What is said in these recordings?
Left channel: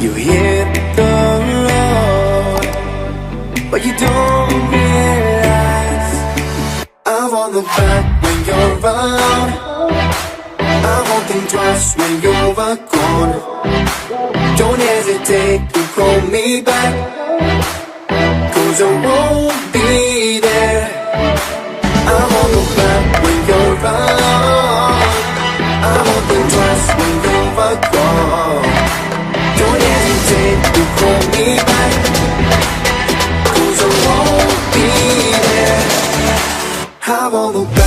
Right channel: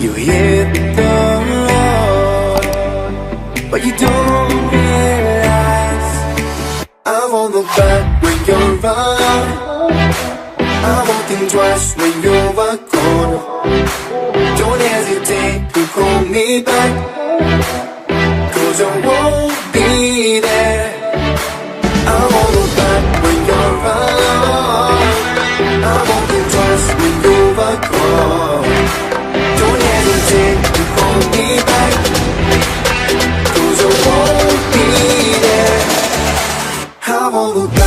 You hit the road, but you don't realize I won't look back when you're around. I won't think twice when you're gone. Don't hesitate to call me back, 'cause I won't be there. I won't look back when you're around. I won't think twice when you're gone. Don't hesitate to call me back, 'cause I won't be there. I won't look back.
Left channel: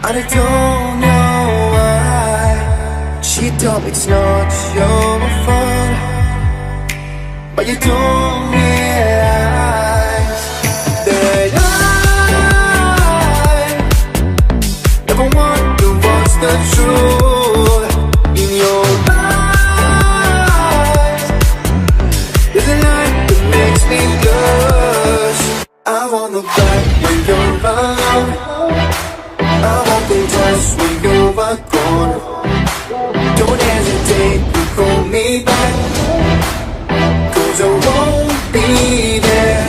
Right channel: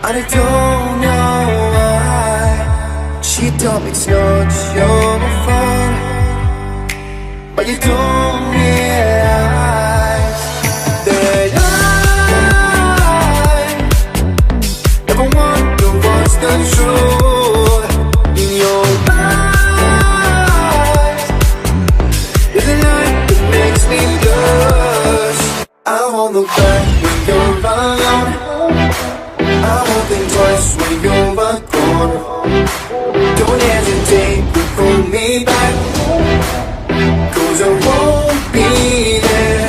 I don't know why she told me it's not your fault, but you don't realize that I never want to watch the truth in your eyes. There's a light that makes me blush. I won't look back when you're around. I won't think twice when you're gone. Don't hesitate to call me back, 'cause I won't be there.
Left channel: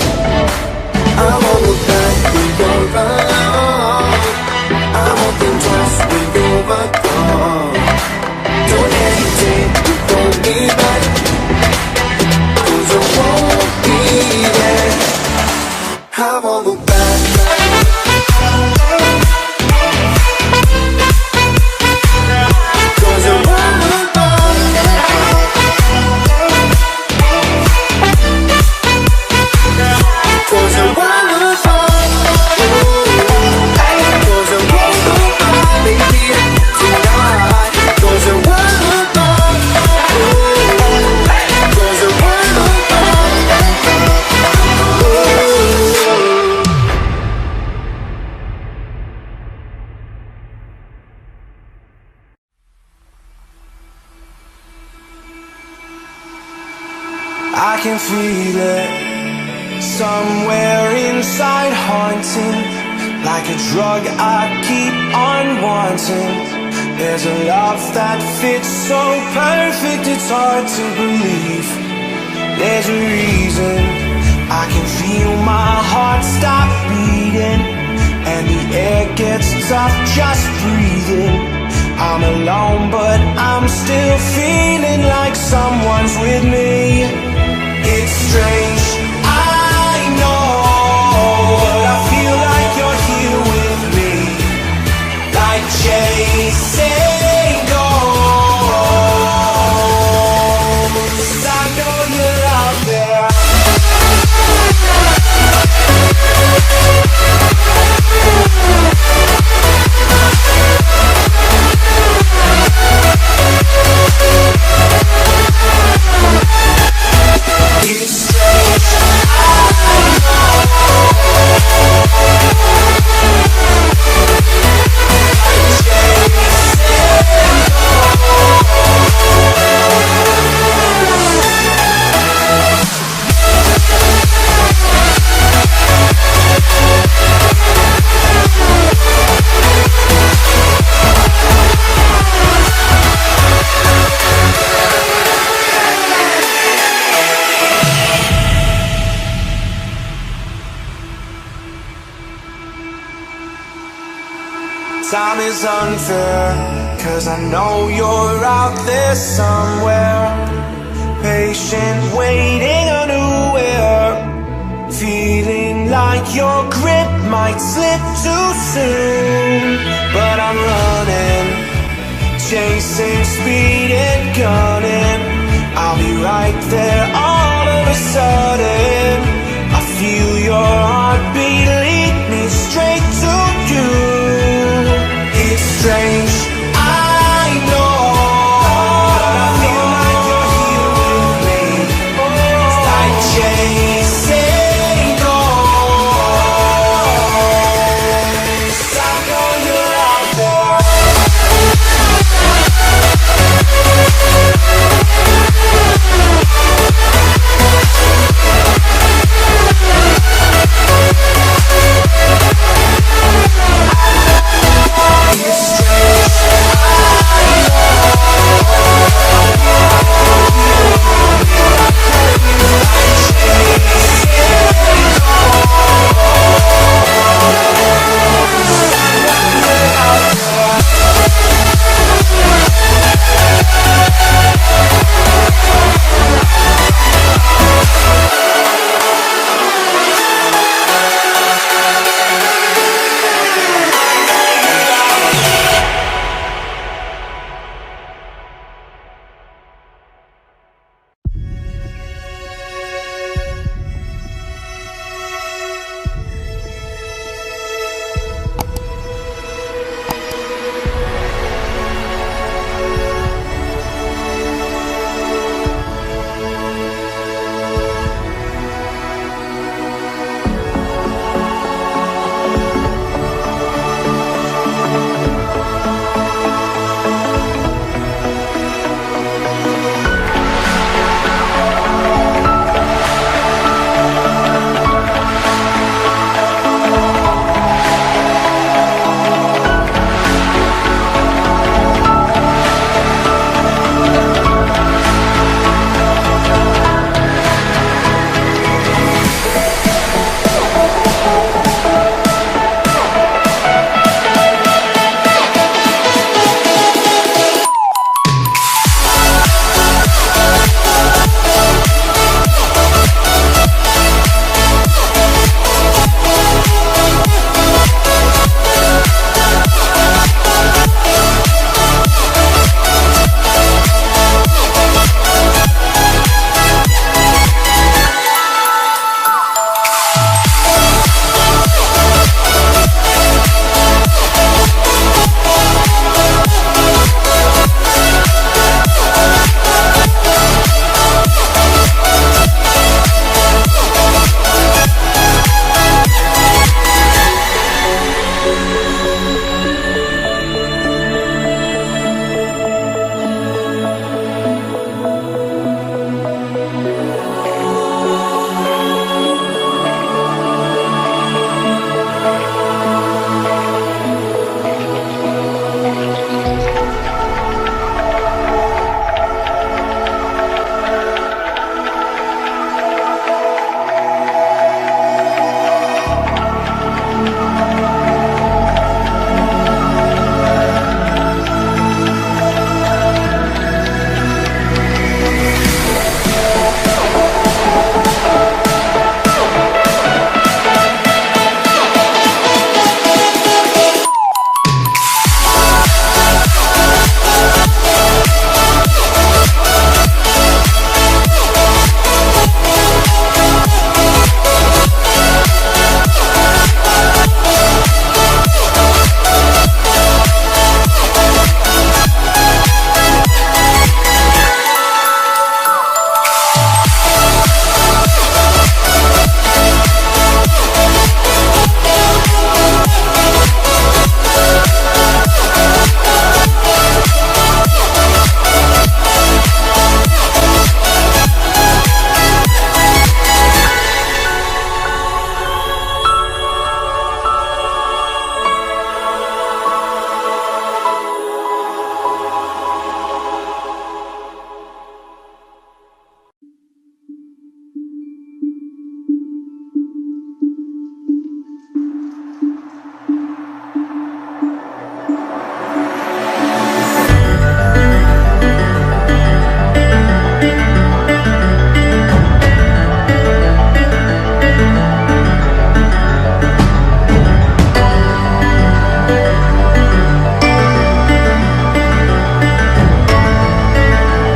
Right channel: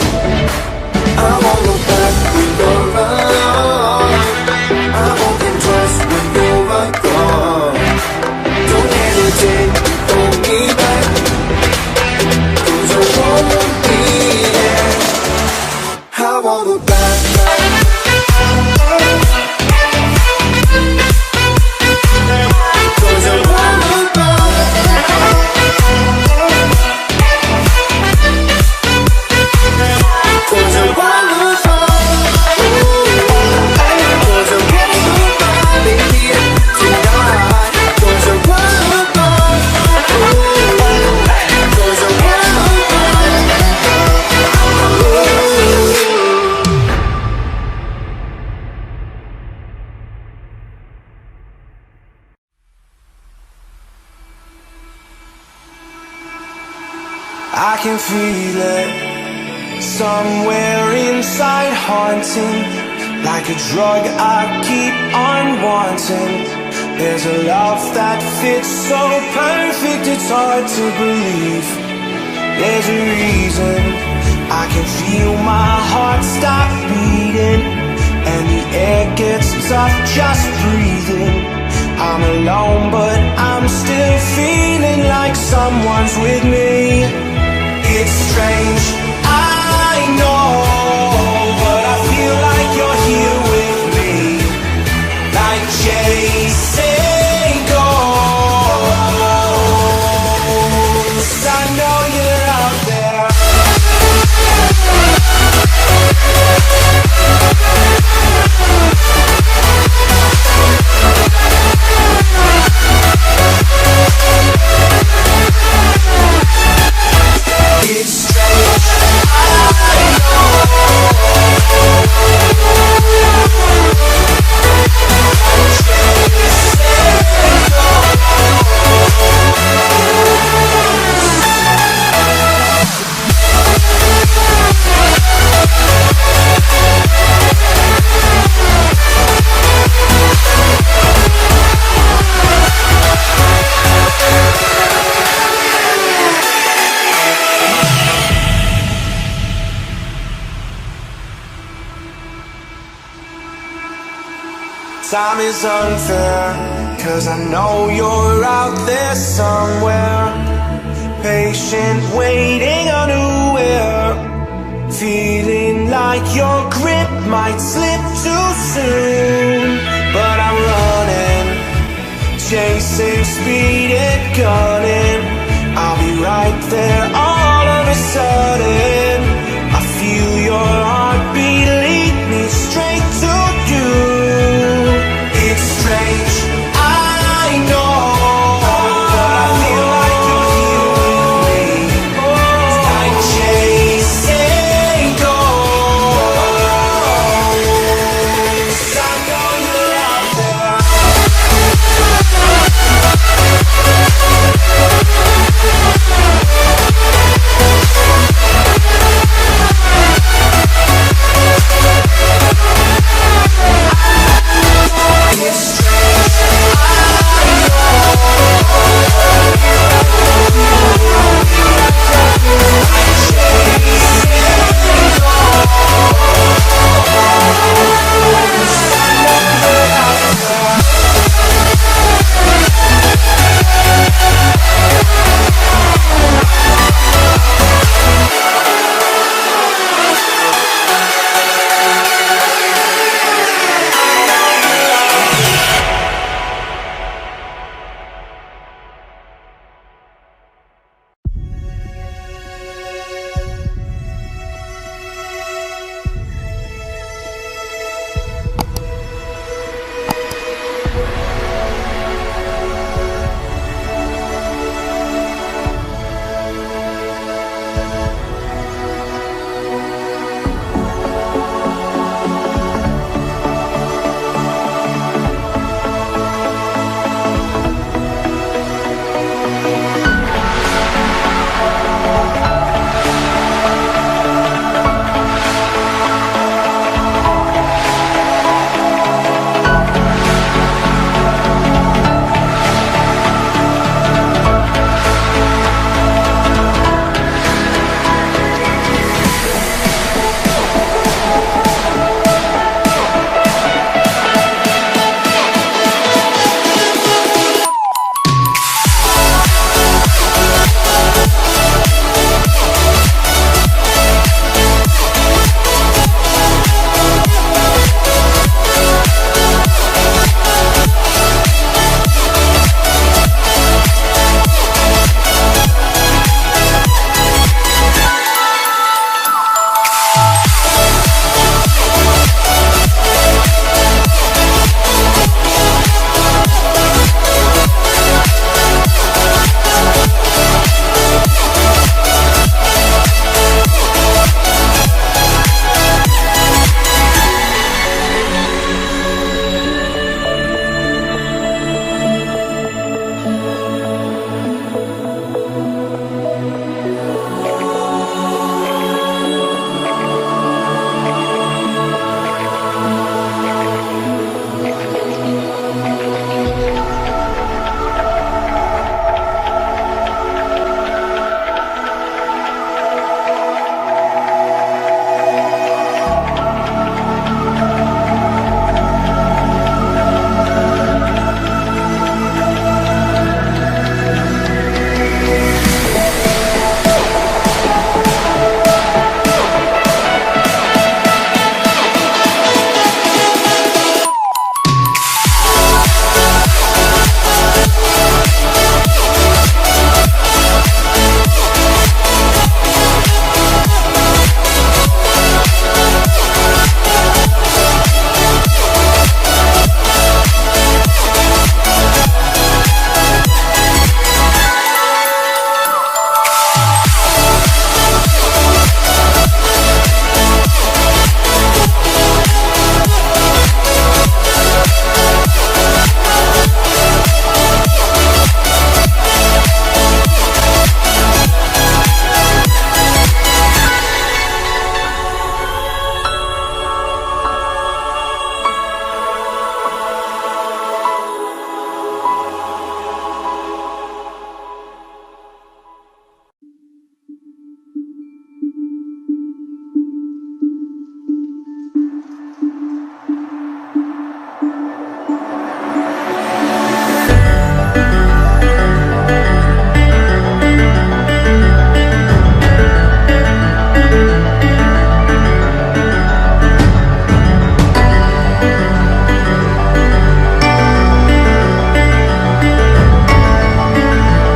I won't look back when you're around. I won't think twice when you're gone. Don't hesitate to call me back, 'cause I won't be there. I won't look back. I can feel it somewhere inside, haunting like a drug I keep on wanting. There's a love that fits so perfect it's hard to believe. There's a reason I can feel my heart stop beating, and the air gets tough just breathing. I'm alone but I'm still feeling like someone's with me. It's strange, I know, but I feel like you're here with me, like chasing ghosts. I know you're out there. Time is unfair, 'cause I know you're out there somewhere, patient, waiting unaware, feeling like your grip might slip too soon. But I'm running, chasing speed and gunning. I'll be right there all of a sudden. I feel your heartbeat lead me straight to you. It's strange, I know,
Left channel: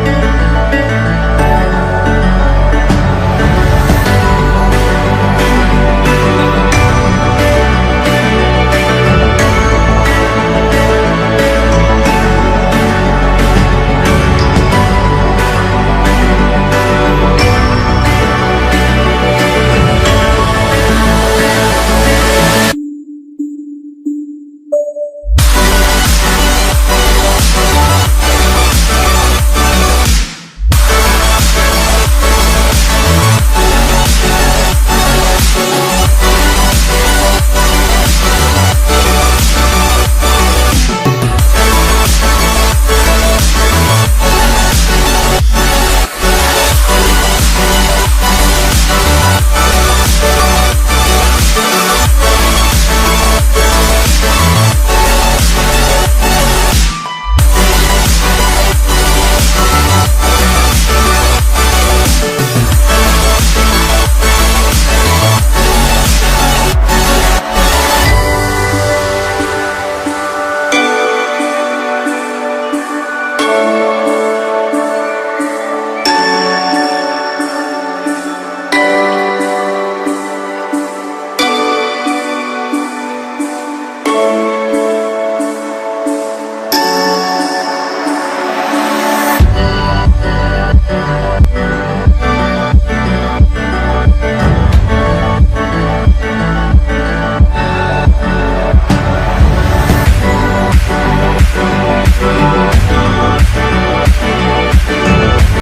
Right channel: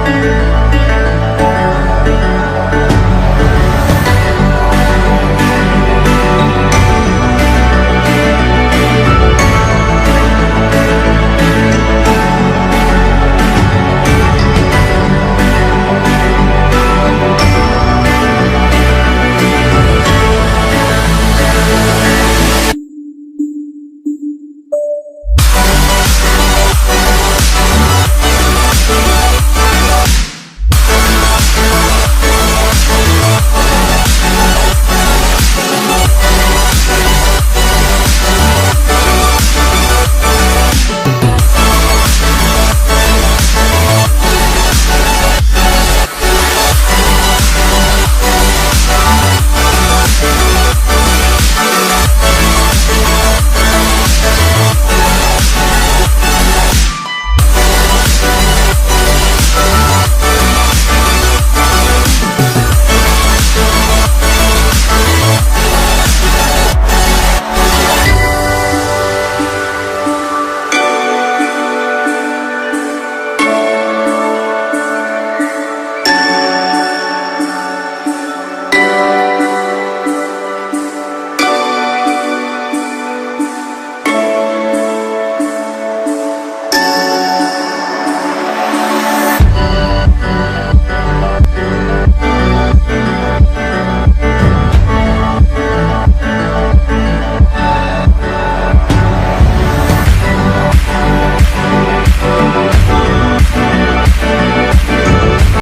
you.